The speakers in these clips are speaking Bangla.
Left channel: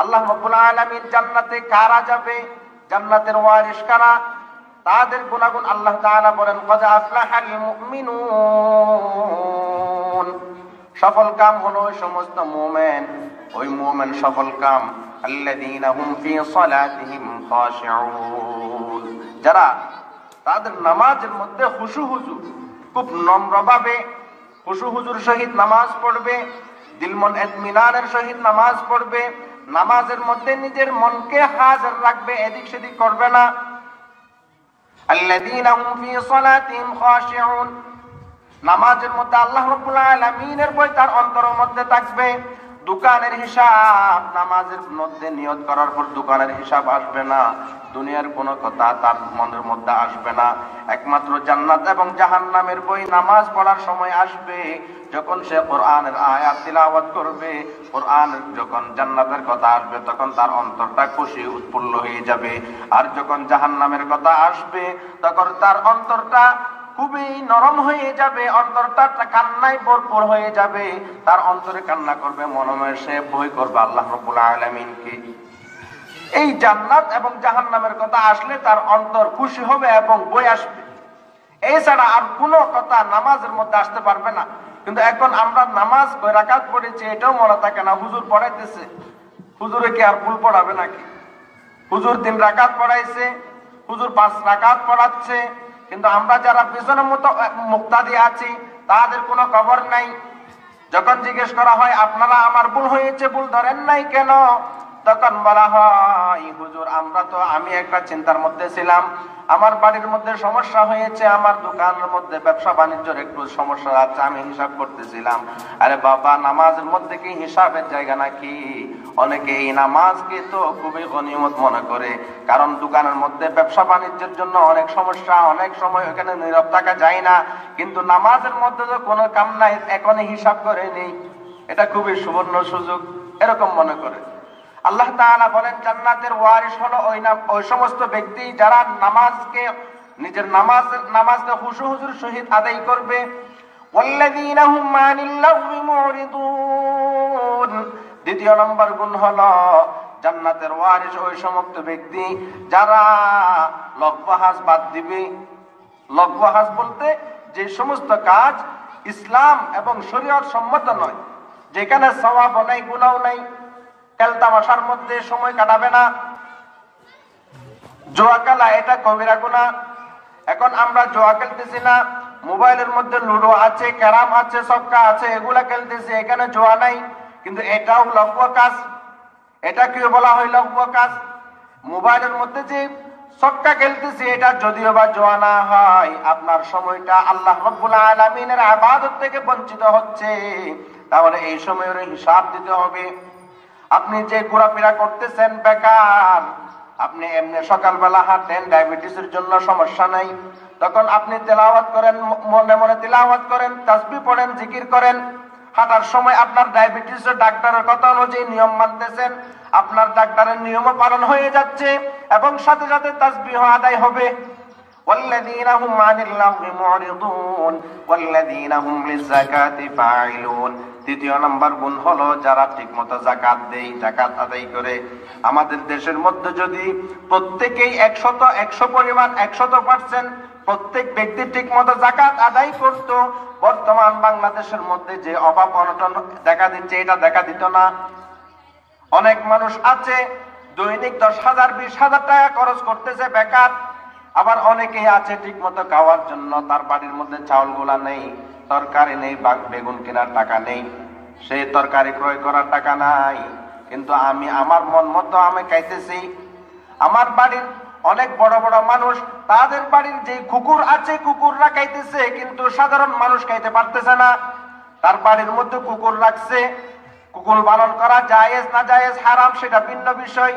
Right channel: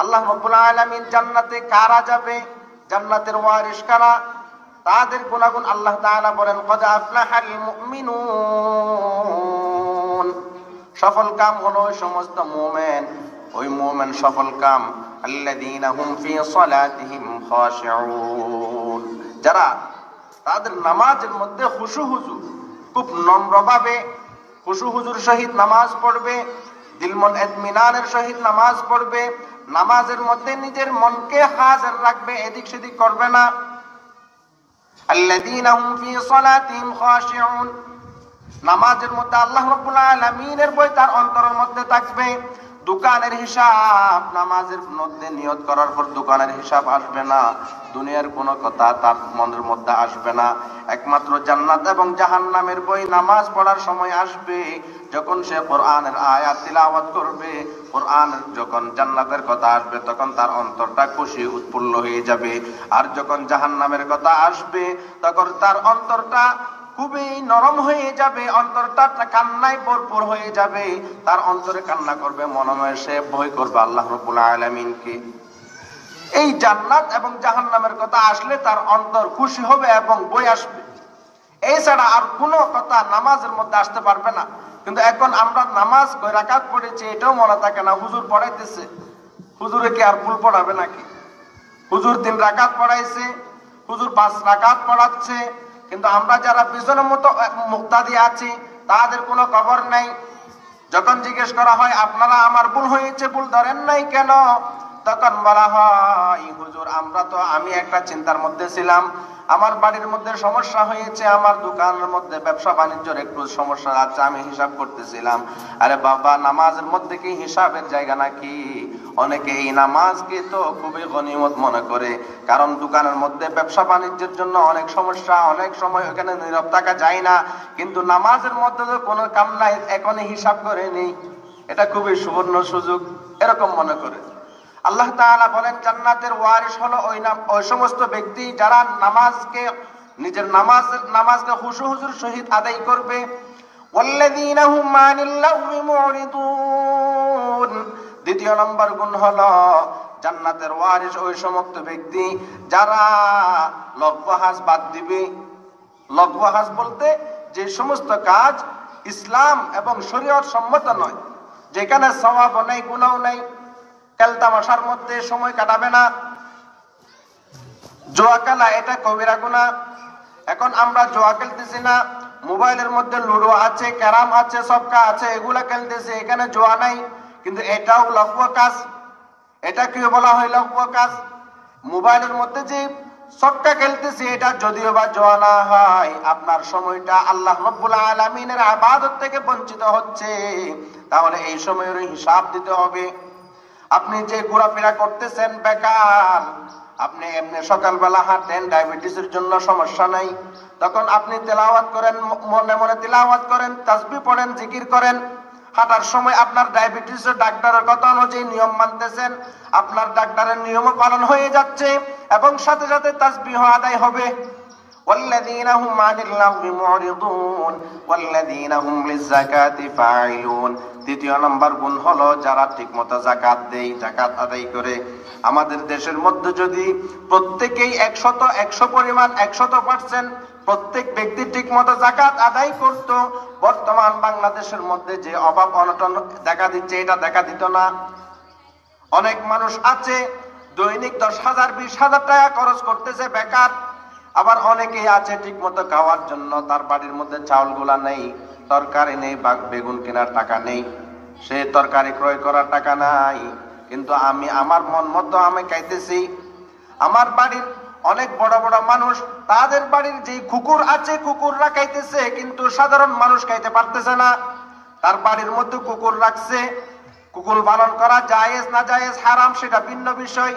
আল্লাহ রাব্বুল আলামিন জান্নাতে কারা যাবে, জান্নাতের ওয়ারিস কারা, তাদের গুণাগুণ আল্লাহ তাআলা বলেন ক্বাদ আফলাহাল মুমিনুন। সফল কাম হলো ওই সমস্ত মুমিন, ওই মুমিন সফল কাম আল্লাযীনা হুম ফি সালাতিহিম খাশিউন, যারা তাদের নামাজের মধ্যে খুশু হুজুর, খুব নম্রভাবে খুশু হুজুর সহিত নামাজ পড়বে, দিল মন ইতমিনানের সহিত নামাজ পড়বে, নামাজের মধ্যে নিজের মনকে হাজির রাখবে, এদিক সেদিক করবে না। আল্লাযীনা হুম ফি সালাতিহিম খাশিউন, নামাজের মধ্যে আল্লাহ রাব্বুল আলামিনের ভয় তার অন্তরের মধ্যে থাকবে। দোকানের হিসাব নামাজের মধ্যে নিয়ত করার পর দোকানের হিসাব আসবে না, দুনিয়ার কোনো কথা তার মনের মধ্যে আসবে না। একমাত্র জান্নাত এবং জাহান্নামের বই নামাজ পড়ার সময় আসবে, যখন সে কোরআনের আয়াত তিলাওয়াত করবে, কোরআনের যখন জান্নাতের কথা আসবে তখন তার অন্তরটা খুশি উৎফুল্ল হয়ে যাবে। আর যখন জাহান্নামের কথা আসবে তখন তার অন্তরটা খুবই নরম হয়ে যাবে, অন্তরটা কান্নায় ভরপুর হয়ে যাবে, তার অন্তরে কান্না করবে, মনে মনে সে ভয় করবে আল্লাহ রাব্বুল আলামিনকে। এই জান্নাত এবং জাহান্নামের কথা আসলে তার অন্তর খুশি হবে এবং ভয় আসবে, এছাড়া আর কোনো কথা নামাজের মধ্যে আসতে পারবে না। কিন্তু এখন আমরা নামাজ কয় রাকাত পড়েছি এটাও মনে থাকে না, হুজুর পড়াইতেছে, হুজুরে কি আর ভুল পড়াবে নাকি? হুজুর 3 রাকাত পড়াইছে, হুজুর 5 রাকাত পড়াচ্ছে, কিন্তু আমরা যারা পিছনের মতো মুক্তাদি আছি তাদের কোনো খবর নাই। যখন জিজ্ঞেস করা হয় আপনারা আমার ভুল হয়েছে, ভুল ধরেন নাই কেন, তখন বলা হয় হুজুর আমি একটা চিন্তার মধ্যে ছিলাম, আমার বাড়ির মধ্যে সমস্যা হয়েছে, আমার দোকানের মধ্যে ব্যবসা বাণিজ্যের একটু সমস্যা আছে, আমি হিসাব করতেছিলাম। আরে বাবা, নামাজের মধ্যে কি হিসাবের জায়গা নাকি? অনেকে এই নামাজকে তো খুবই গনিমত মনে করে, কারণ দোকানের মধ্যে ব্যবসা বাণিজ্যের জন্য অনেক সমস্যা, অনেক সময় ওখানে নীরব থাকা যায় না, কিন্তু নামাজের মধ্যে তো কোনো কাম নাই, এখনই হিসাব করে নেই, এটা খুবই সুবর্ণ সুযোগ, এরকম মনে করে। আল্লাহ তাআলা বলেন জান্নাতের ওয়ারিস হলো ওই সমস্ত ব্যক্তি যারা নিজের নামাজকে খুশু হুজুর সহিত আদায় করবে। ওয়াল্লাযীনা হুম আনিল লাগwi মুরিদুন, দ্বিতীয় নম্বর গুণ হলো জান্নাতের ওয়ারিস ওই সমস্ত ব্যক্তি যারা লগ্বহাজ বাদ দিবে। লগ্বহাজ বলতে যে সমস্ত কাজ ইসলাম এবং শরীয়ত সম্মত নয়, যেখানে সওয়াব নাই গুনাহ নাই, খেলতামাশার মধ্যে সময় কাটাবে না, জুয়া খেলা এটা কবিরা গুনাহ। এখন আমরা জুয়া খেলতেছি না, মোবাইলের মধ্যে লুডো আছে, ক্যারাম আছে, সবকা আছে, এগুলা খেলতেছি, এখানে জুয়া নাই, কিন্তু এটাও লঘু কাজ। এটা কি বলা হয় লঘু কাজ? মোবাইলের মধ্যে যে সবকা খেলতেছি এটা যদিও বা জুয়া না হয়, আপনার সময়টা আল্লাহ রাব্বুল আলামিনের ইবাদত থেকে বঞ্চিত হচ্ছে, তাহলে এই সময়ের হিসাব দিতে হবে। আপনি যে ঘোরাফেরা করতেছেন বেকার, আপনি এমনি সকালবেলা হাঁটেন, ডায়াবেটিসের জন্য সমস্যা নাই, তখন আপনি তেলাওয়াত করেন, মনে মনে তেলাওয়াত করেন, তাসবিহ পড়েন, জিকির করেন, হাঁটার সময় আপনার ডায়াবেটিসের ডাক্তারের কথা অনুযায়ী নিয়ম মানতেছেন, আপনার ডাক্তারের নিয়মও পালন হয়ে যাচ্ছে এবং সাথে সাথে তাসবিহ আদায় হবে। والذين هم عن اللغو معرضون والذين هم للزكاة فاعلون। তৃতীয় নাম্বার গুণ হলো যারা ঠিকমতো যাকাত দেয়, যাকাত আদায় করে। আমাদের দেশের মধ্যে যদি প্রত্যেকেই 100 পরিমাণ 100% প্রত্যেক ব্যক্তি ঠিকমতো যাকাত আদায় করত, বর্তমান বাংলাদেশের মধ্যে যে অভাব অনটন দেখা দিচ্ছে এটা দেখা দিত না। অনেক মানুষ আছে দৈনিক 10,000 20,000 টাকা খরচ করতেছে বেকার, আবার অনেকেই আছে ঠিক মতো খাওয়ার জন্য তার বাড়ির মধ্যে চাউল গুলা নেই, তরকারি নেই, বেগুন কেনার টাকা নেই, সে তরকারি ক্রয় করার টাকা নাই, কিন্তু আমার মন মতো আমি খাইতেছি। আমার বাড়ির অনেক বড় বড় মানুষ, তাদের বাড়ির যে কুকুর আছে কুকুররা খাইতেছে, কিন্তু সাধারণ মানুষ খাইতে পারতেছে না। তার বাড়ির মধ্যে কুকুর রাখছে, কুকুর পালন করা জায়েজ না জায়েজ হারাম সেটা ভিন্ন বিষয়।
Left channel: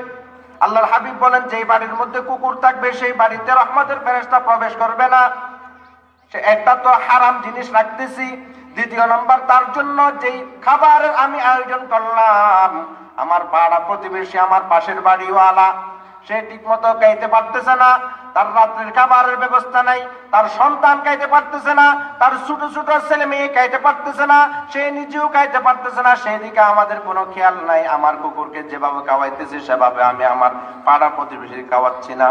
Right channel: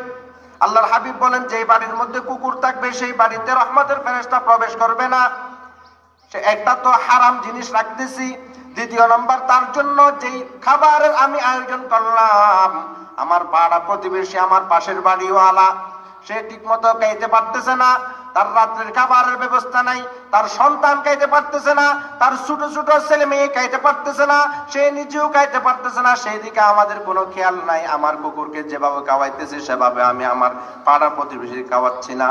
আল্লাহর হাবিব বলেন যে বাড়ির মধ্যে কুকুর থাকবে সেই বাড়িতে রহমতের ফেরেশতা প্রবেশ করবে না। একটা তো হারাম জিনিস রাখতেছি, দ্বিতীয় নম্বর তার জন্য যেই খাবারের আমি আয়োজন করলাম, আমার পাড়া প্রতিবেশী, আমার পাশের বাড়িওয়ালা, সে ঠিক মতো খাইতে পারতেছে না, তার রাত্রের খাবারের ব্যবস্থা নাই, তার সন্তান খাইতে পারতেছে না, তার ছোট ছোট ছেলে মেয়ে খাইতে পারতেছে না, সে নিজেও খাইতে পারতেছে না, সেই দিকে আমাদের কোনো খেয়াল নাই। আমার কুকুরকে যেভাবে খাওয়াইতেছে সেভাবে আমি আমার পাড়া প্রতিবেশী খাওয়াচ্ছি না।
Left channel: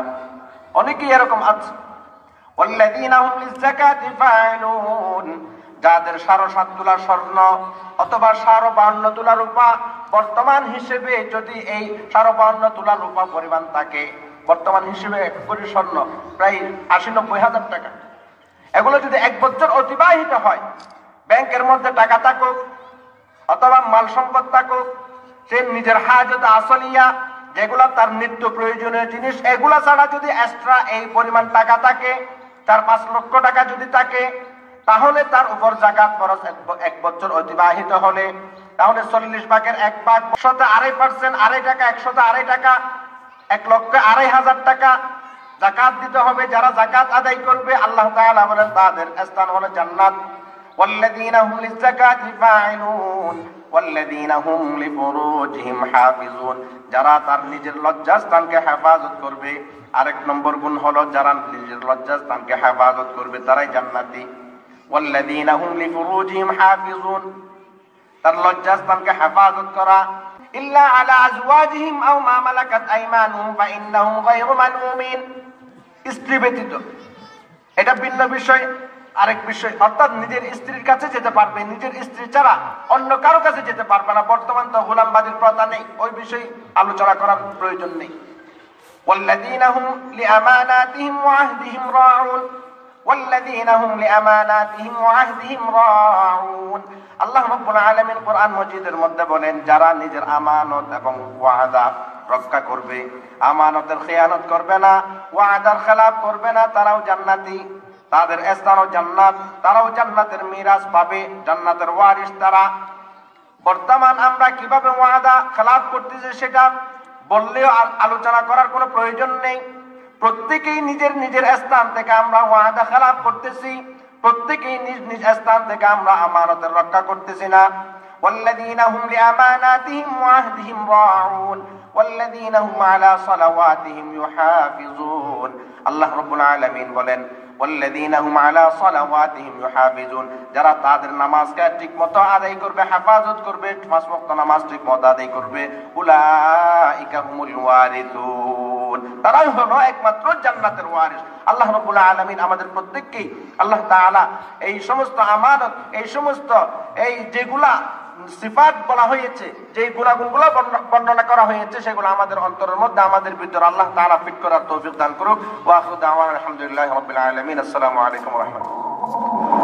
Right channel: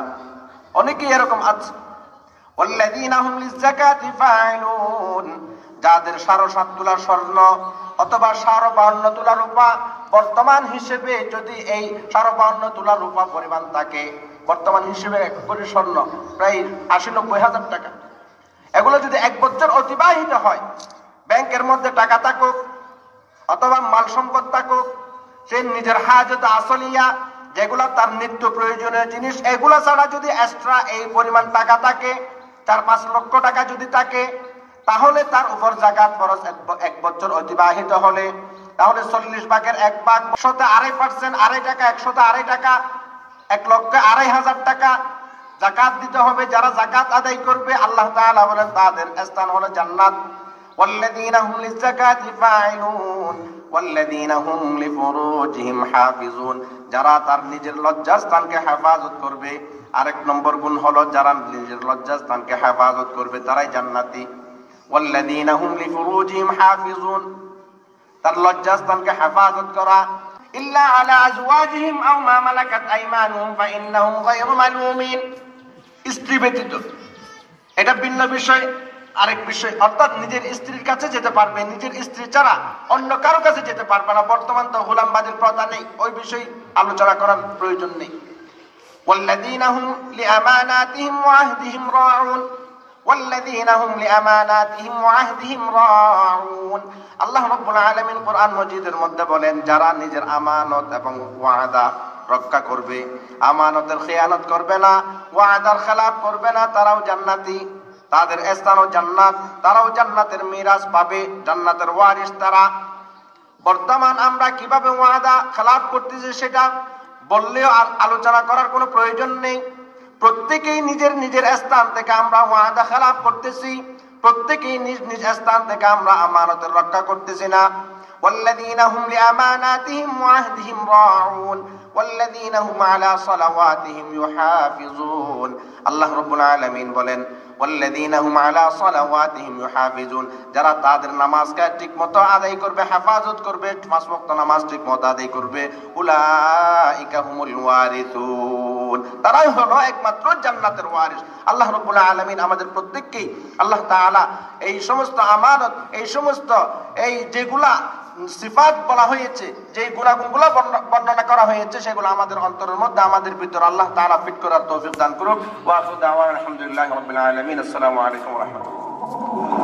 অনেকেই এরকম আছে। ওয়াল্লাযীনা হুম লিয-যাকাতি ফাঈলুন, যাদের ৭.৫ তোলা স্বর্ণ অথবা ৫২ তোলা রূপা বর্তমান হিসেবে যদি এই ৫২ তোলা রূপা পরিমাণ থাকে, বর্তমান হিসেবে এক কোটি স্বর্ণ প্রায় ৮০-৯০ হাজার টাকা, এগুলো যদি ১ বছর অতিবাহিত হয়, ব্যাংকের মধ্যে টাকা থাকুক অথবা মাল সম্পদ থাকুক, সে নিজের হাজত আসলিয়া যেগুলো তার নিত্য প্রয়োজনীয় জিনিস, এগুলো ছাড়া যদি এক্সট্রা এই পরিমাণ টাকা থাকে, ৪-৫ লক্ষ টাকা যদি থাকে, তাহলে তার উপর যাকাত ফরজ ১ বছর অতিবাহিত হলে, তাহলে ৪০ ভাগের ১ ভাগ ১০০-২.৫%, ২.৫ টাকা, ১০০-২.৫ টাকা, ১,২,৫০০০ টাকা যাকাত দিতে হবে। যারা যাকাত আদায় করবে আল্লাহ তাআলা বলেন তাদের স্থান হলো জান্নাত। ওয়াল্লাযীনা হুম লিয-যাকাতি ফাঈলুন ওয়াল্লাযীনা হুম লিফুরুজিহিম হাফিজুন, যারা তার নিজের লজ্জাস্থানকে হেফাজত করবে। আরেক নম্বর গুণ হলো যারা নিজের লজ্জাস্থানকে হেফাজত করবে তারাই জান্নাতি। ওয়াল্লাযীনা হুম লিফুরুজিহিম হাফিজুন, তার লজ্জাস্থানকে হেফাজত করা। ইল্লা আলা আজওয়াজিহিম আও মা মালাকাত আইমানুহুম ফাইন্নাহুম গায়রু মালুমিন, স্ত্রী ব্যতীত, এটা ভিন্ন বিষয়। আরেক বিষয়, অর্থাৎ নিজের স্ত্রীর কাছে যেতে পারবে, নিজের স্ত্রী ছাড়া অন্য কারো কাছে যেতে পারবে না। বর্তমান তো গোলামবাদীর প্রথা নেই, ওই বিষয়ে আলোচনা করার প্রয়োজন নেই। ওয়াল্লাযীনা হুম লিআমানাতিহিম ওয়া আহদিহিম রাউন ওয়াল্লাযীনা হুম লিআমানাতিহিম ওয়া আহদিহিম রাউন, আল্লাহ রাব্বুল আলামিন কোরআন মাজিদের মধ্যে বলেন, যারা নিজের আমানত এবং ওয়াদা রক্ষা করবে, আমানতের খেয়ানত করবে না, ওয়াদার খেলাফ করবে না, তারাও জান্নাতি, তাদের স্থানও জান্নাত, তারাও জান্নাতের মিরাস পাবে, জান্নাতের ওয়ারিস তারা। বর্তমান আমরা কিভাবে ওয়াদা খেলাফ করতেছি সেটা বললেও আলোচনা করার কোনো প্রয়োজন নেই। প্রত্যেকেই নিজের নিজের স্থান থেকে আমরা ওয়াদা খেলাফ করতেছি, প্রত্যেকেই নিজ নিজ স্থান থেকে আমরা আমানতের রক্ষা করতেছি না। ওয়াল্লাযীনা হুম লিআমানাতিহিম ওয়া আহদিহিম রাউন ওয়াল্লাযীনা হুম আলা সালাওয়াতিহিম ইউহাফিজুন, আল্লাহ রাব্বুল আলামিন বলেন ওয়াল্লাযীনা হুম আলা সালাওয়াতিহিম ইউহাফিজুন, যারা তাদের নামাজকে ঠিকমতো আদায় করবে, হেফাজত করবে, ৫ ওয়াক্ত নামাজ ঠিকমতো আদায় করবে, উলাইকা হুমুল ওয়ারিসুন, তারাই হলো একমাত্র জান্নাতের ওয়ারিস। আল্লাহ রাব্বুল আলামিন আমাদের প্রত্যেককেই আল্লাহ তাআলা এই সমস্ত আমানত, এই সমস্ত এই যেগুলা সিফাত বলা হয়েছে, যে গুণাগুণগুলো বর্ণনা করা হয়েছে, সেগুলো আমাদের অন্তরের মধ্যে, আমাদের ভিতরে আল্লাহ তাআলা ফিট করার তৌফিক দান করুন। ওয়া আখিরু দাওয়ানা আলহামদুলিল্লাহি রাব্বিল আলামিন। আসসালামু আলাইকুম ওয়া রাহমাতুল্লাহ।